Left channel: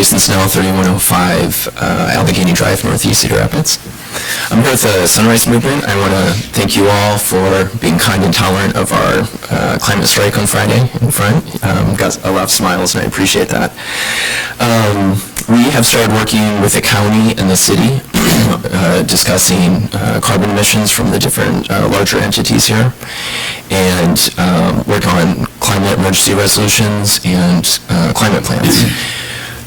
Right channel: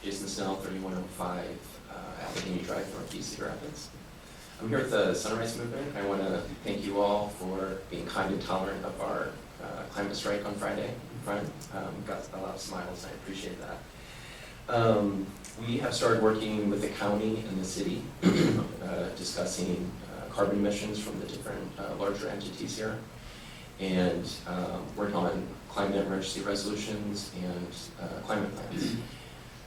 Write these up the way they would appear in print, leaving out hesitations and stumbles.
Jason Snell, 3105 Allegheny Drive, Northeast Cedar Rapids. I'm here with the Sunrise Movement. I want to thank you all for being kind and tolerant of our climate strike on Friday in front. Got a lot of smiles, and I appreciate that. We have started working with the county and the city, discussing carbon emissions from the different larger entities here, and work on climate emergency resolutions and climate plans.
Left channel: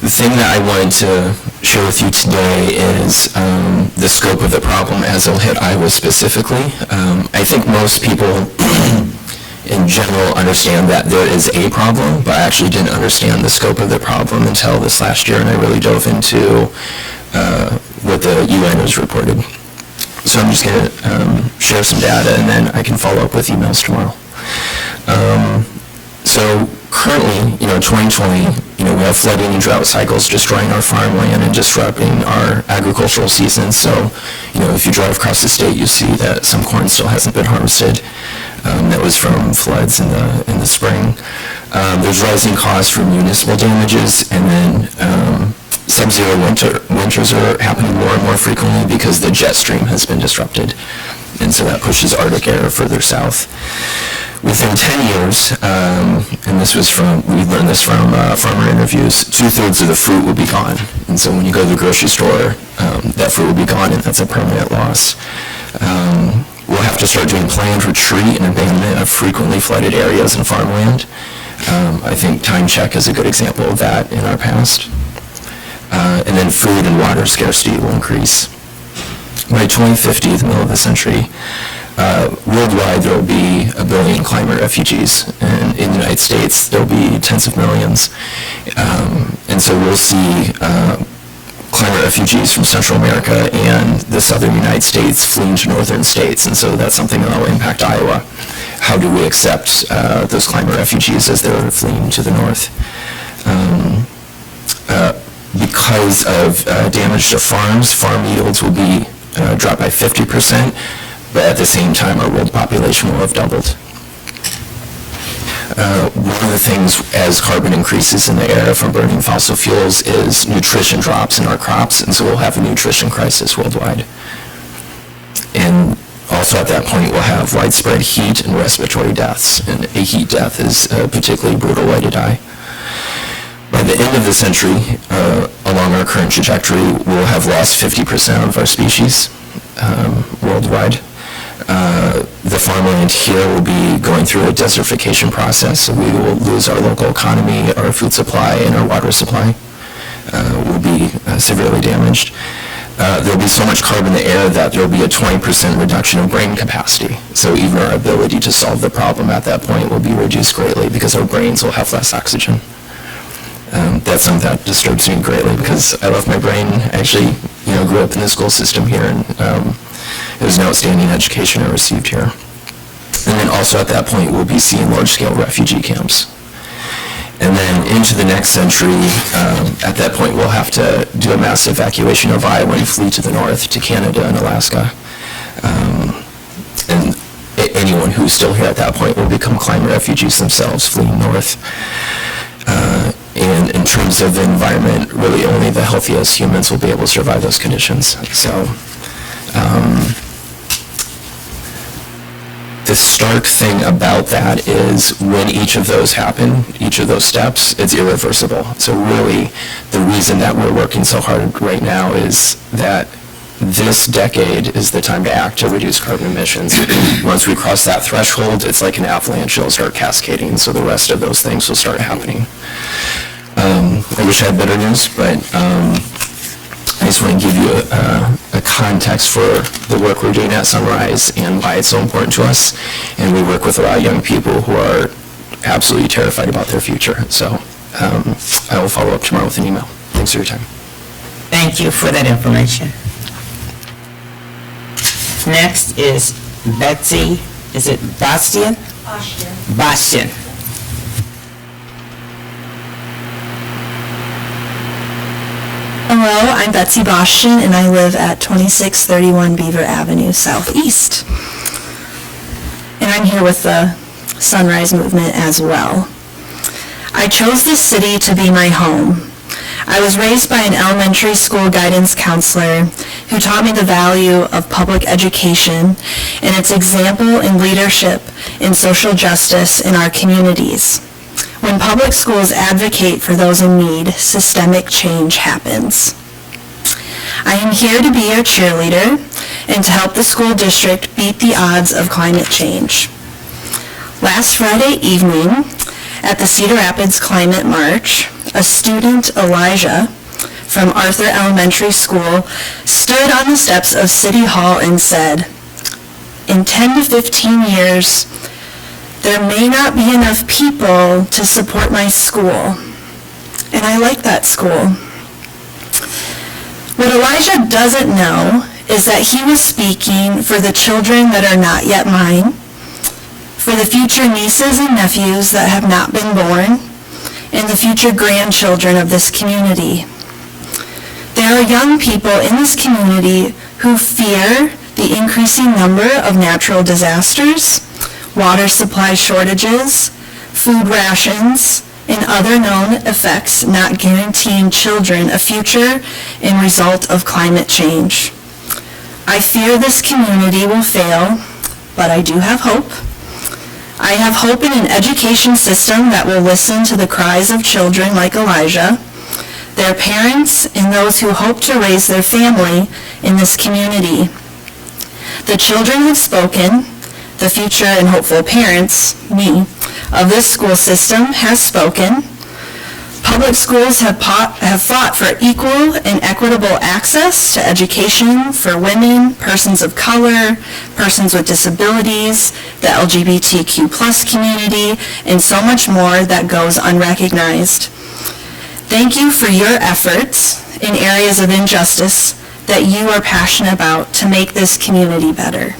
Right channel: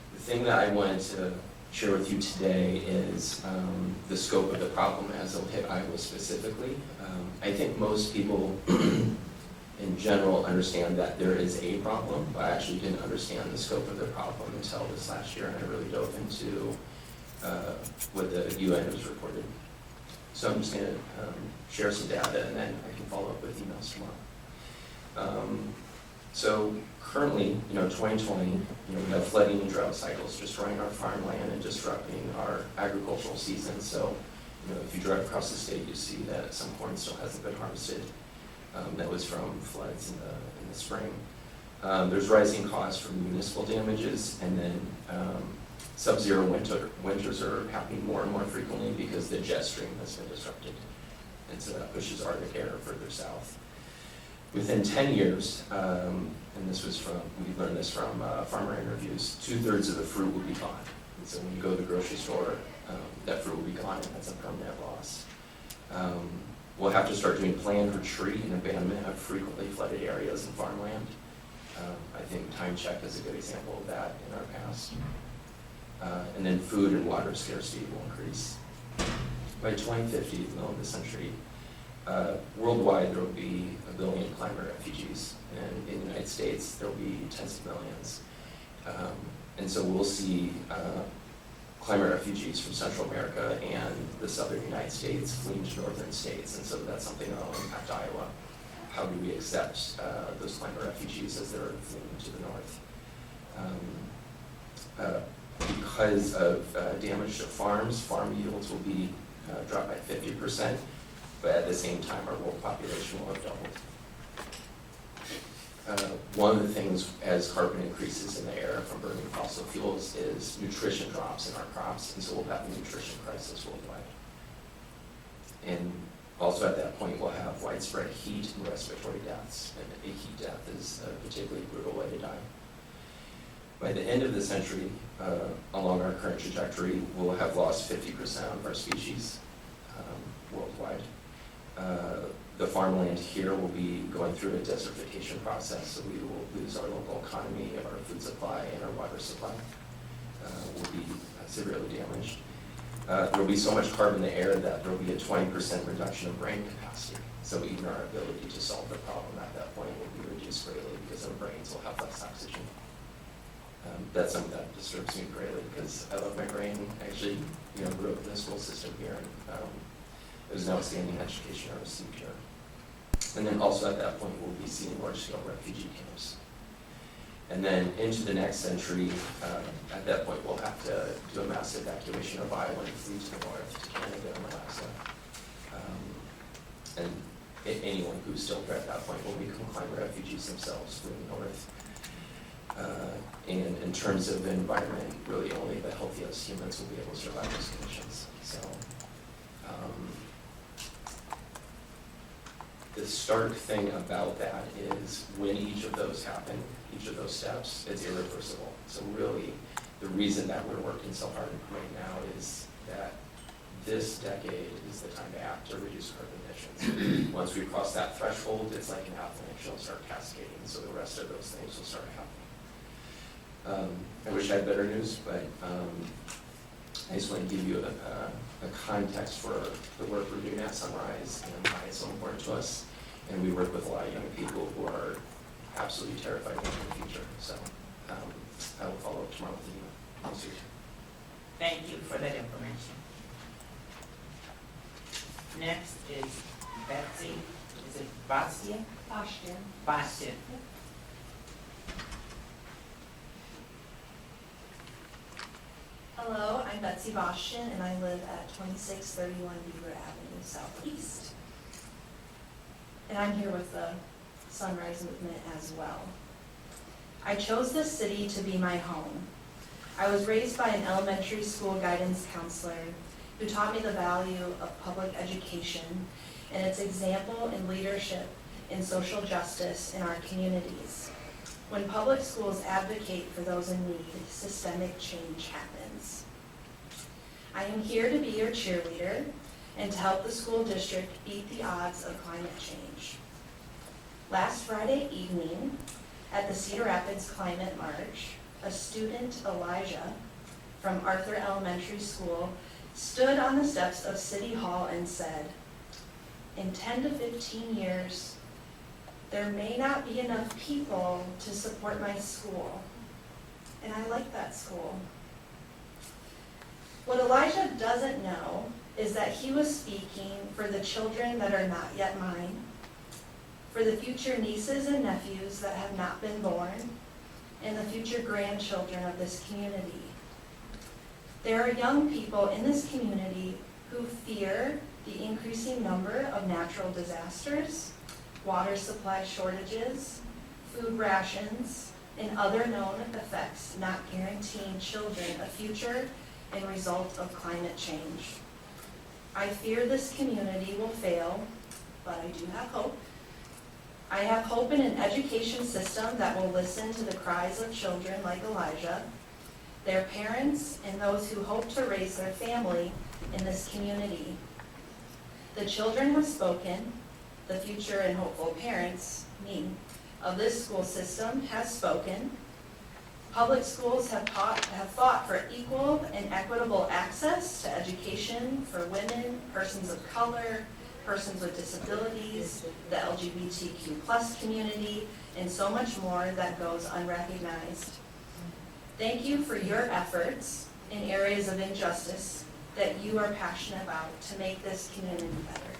The thing that I wanted to share with you today is the scope of the problem as it'll hit Iowa specifically. I think most people in general understand that there is a problem, but I actually didn't understand the scope of the problem until this last year, and I really dove into what the UN has reported. So I'm just going to share some data, and then I can follow up with emails tomorrow. So currently, 2020, we have flooding and drought cycles destroying our farmland and disrupting our agricultural seasons. So, if you drive across the state, you see that some corn still hasn't been harvested. That was from floods in the spring. There's rising costs for municipal damages, and then sub-zero winters are happening more and more frequently because the jet stream has been disrupted, and so that pushes Arctic air further south. Within 10 years, and we learned this from farmer interviews, 2/3 of the fruit will be gone. And so when you go to the grocery store, that fruit will be gone, and that's a permanent loss. We'll have to start doing planned retreat and abandonment of frequently flooded areas and farmland. I think Time Check is a good example of that in our past. And then food and water scarcity will increase. By 2050, the middle of the century, worldwide there will be 1 billion climate refugees, and in the United States there will be tens of millions. And so we'll see climate refugees from Central America and the southern United States fleeing to northern states, and so that's something that will impact Iowa. How do we accept those climate refugees as they're fleeing to the north? Because of damage to farms, farm yields will be dropped by 50%, but at the same time our world population will have doubled. One of the things as carbon increases in the air from burning fossil fuels is nutrition drops in our crops, and so we'll have a nutrition crisis worldwide. And also at that point we'll have widespread heat and respiratory deaths, and a heat death is a particularly brutal way to die. By the end of the century, along our current trajectory, we'll have lost 50% of our species worldwide. The farmland here will be going through a desertification process, so we will lose our local economy, our food supply, and our water supply will be severely damaged. There will be so much carbon in the air that there will be a 20% reduction of brain capacity. So even our ability to solve the problem at that point will be reduced greatly because our brains will have less oxygen. That's something that disturbs me greatly because I love my brain. I actually, grew up in the school system here, and it was an outstanding education I received here. And then also at that point, we'll be seeing large-scale refugee camps. And then into the next century, at that point, we'll have to do a mass evacuation of Iowa and flee to the north to Canada and Alaska. And anyone who's still here at that point will become climate refugees themselves, fleeing north. And in terms of the environment, really only the healthiest humans will be able to survive those conditions. So the stark thing about that is when each of those happen, each of those steps, it's irreversible. So really, the reason that we're working so hard right now is that this decade is the time to act to reduce carbon emissions. Once we cross that threshold, it's like an avalanche. It'll start cascading, so the rest of those things will start happening. I wish I had better news, but I just want to give you a context for the work we're doing at Sunrise and why it's so important to us. And we work with a lot of young people who are absolutely terrified about their future. So I will follow up tomorrow with an email. Thanks for your time. Thank you for that information. Next is Betsy, is it Bastian? Bastian. Hello, I'm Betsy Bastian, and I live at 2631 Beaver Avenue Southeast. And I'm here with the Sunrise Movement as well. I chose this city to be my home. I was raised by an elementary school guidance counselor who taught me the value of public education and its example in leadership in social justice in our communities. When public schools advocate for those in need, systemic change happens. I am here to be your cheerleader and to help the school district beat the odds of climate change. Last Friday evening, at the Cedar Rapids Climate March, a student, Elijah, from Arthur Elementary School, stood on the steps of City Hall and said, "In 10 to 15 years, there may not be enough people to support my school." And I like that school. What Elijah doesn't know is that he was speaking for the children that are not yet mine, for the future nieces and nephews that have not been born, and the future grandchildren of this community. There are young people in this community who fear the increasing number of natural disasters, water supply shortages, food rations, and other known effects not guaranteeing children a future in result of climate change. I fear this community will fail, but I do have hope. I have hope in an education system that will listen to the cries of children like Elijah, their parents, and those who hope to raise their family in this community. The children have spoken. The future and hopeful parents, me, of this school system has spoken. Public schools have fought for equal and equitable access to education for women, persons of color, persons with disabilities, the LGBTQ+ community, and so much more that goes unrecognized. Thank you for your efforts in areas of injustice that you are passionate about to make this community better.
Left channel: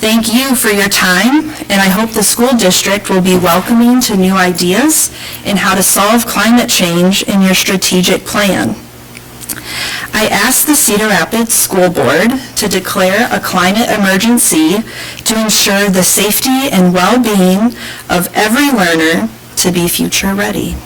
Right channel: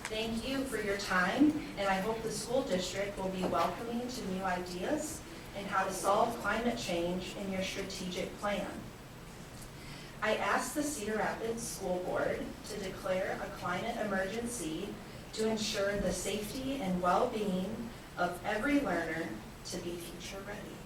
Thank you for your time, and I hope the school district will be welcoming to new ideas in how to solve climate change in your strategic plan. I ask the Cedar Rapids School Board to declare a climate emergency to ensure the safety and well-being of every learner to be future ready.